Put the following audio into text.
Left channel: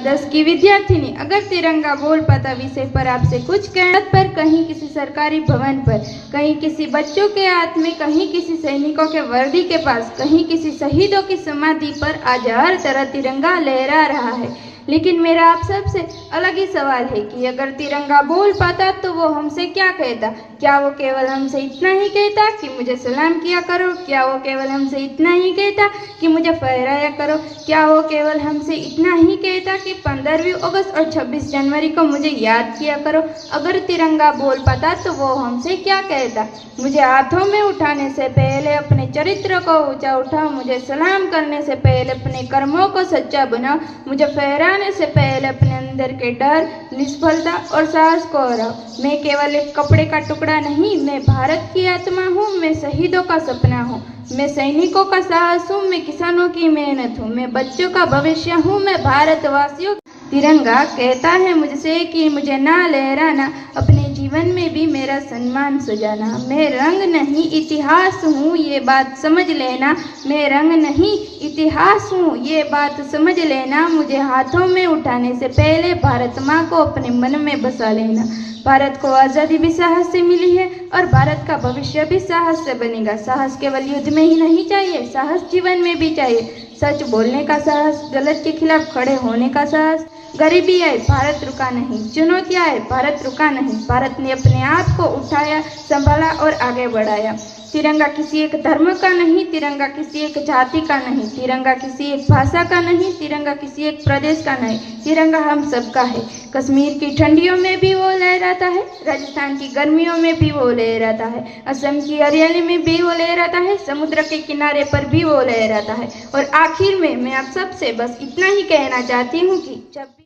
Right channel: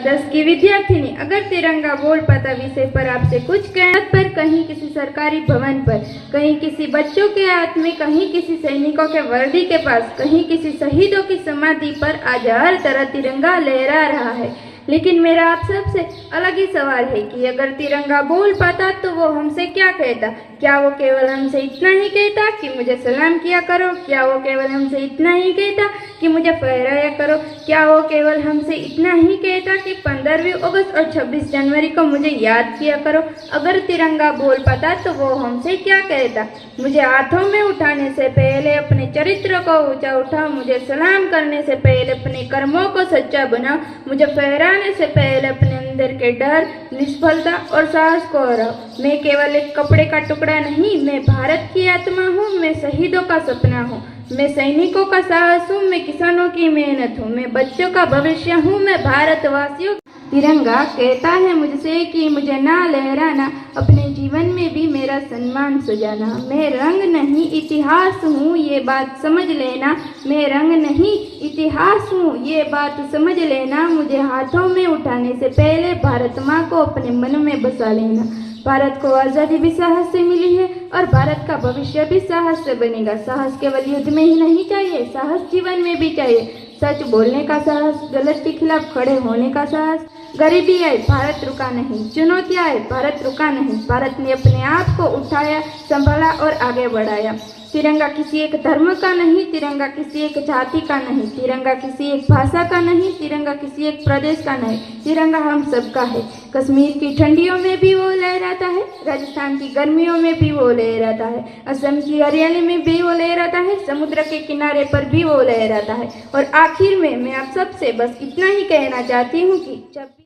10 की विद्यार्थिनी। अगर तिरंगा बोल पाता विषय पर आपसे कुछ कहना पर कहीं किसी सरकारी भवन पर, कहीं किसी बच्चों के हाथ में, कहीं किसी सैनिकों के वर्दी के पास, कहीं किसी शहीदों की समाधि पर आज हर तरह तिरंगा लहरा रहा है। लेकिन मेरा आप सबसे अलग ही सवाल है कि अगर तिरंगा बोल पाता तो वो हमसे क्या कहता? क्या वो केवल हमसे इतना ही कहता कि मुझे सलाम किया करो? क्या वो केवल हमसे इतना ही कहता कि मुझे फहराया करो? क्या वो केवल हमसे इतना ही कहता कि 15वीं अगस्त और 26 जनवरी को मुझे याद किया करो? अगर तिरंगा बोल पाता तो वो हमसे क्या कहता? मुझे हाथों में उठाने से पहले अपने चरित्र को ऊंचा उठाओ, मुझे सलाम करने से पहले अपने कर्मों को सच्चा बनाओ, मुझे फहराने से पहले अपने अंदर के डर, निष्फलता और साहस को हराओ। मैं केवल एक कपड़े का टुकड़ा नहीं, मैं भारत की आत्मा हूँ, मैं शहीदों का सपना हूँ, मैं सैनिकों का साहस हूँ, मैं किसानों की मेहनत हूँ, मैं बच्चों का भविष्य हूँ, मैं भारतवासियों। तिरंगा कहता है मुझसे कि मुझे ना लहराना, अपने जीवन में भी मेरा सम्मान सजाना। मैं रंग नहीं इतिहास हूँ, ये बात समझ लेना। मैं रंग नहीं इतिहास हूँ, ये बात समझ लेना। मुझे हाथों में उठाने से पहले भारत माँ को अपने मन में बसा लेना। भारत को आज़ादी भी साहस से मिली है और भारत का भविष्य भी साहस से बनेगा। साहस केवल युद्ध में ही नहीं चाहिए, साहस जीवन में भी चाहिए। सच बोलने का साहस, गलत के खिलाफ खड़े होने का साहस। गरीबी आए, भारत रुका नहीं। चुनौतियां आए, भारत रुका नहीं। भारत ने अपने आप को उठाया, संभाला और आगे बढ़ाया। तिरंगा किसी एक धर्म का नहीं, तिरंगा किसी एक जाति का नहीं, तिरंगा किसी एक भाषा का नहीं, तिरंगा किसी एक प्रदेश का नहीं, तिरंगा हम सबका है। कश्मीर की ठंडियों में भी वो लहराता है, राजस्थान की गर्मियों में भी वो लहराता है, असम की हरियाली में भी वो लहराता है, समुद्र के किनारे पर भी वो लहराता है। और आखिर में मैं आप सबसे बस इतना ही कहना चाहती हूँ कि जब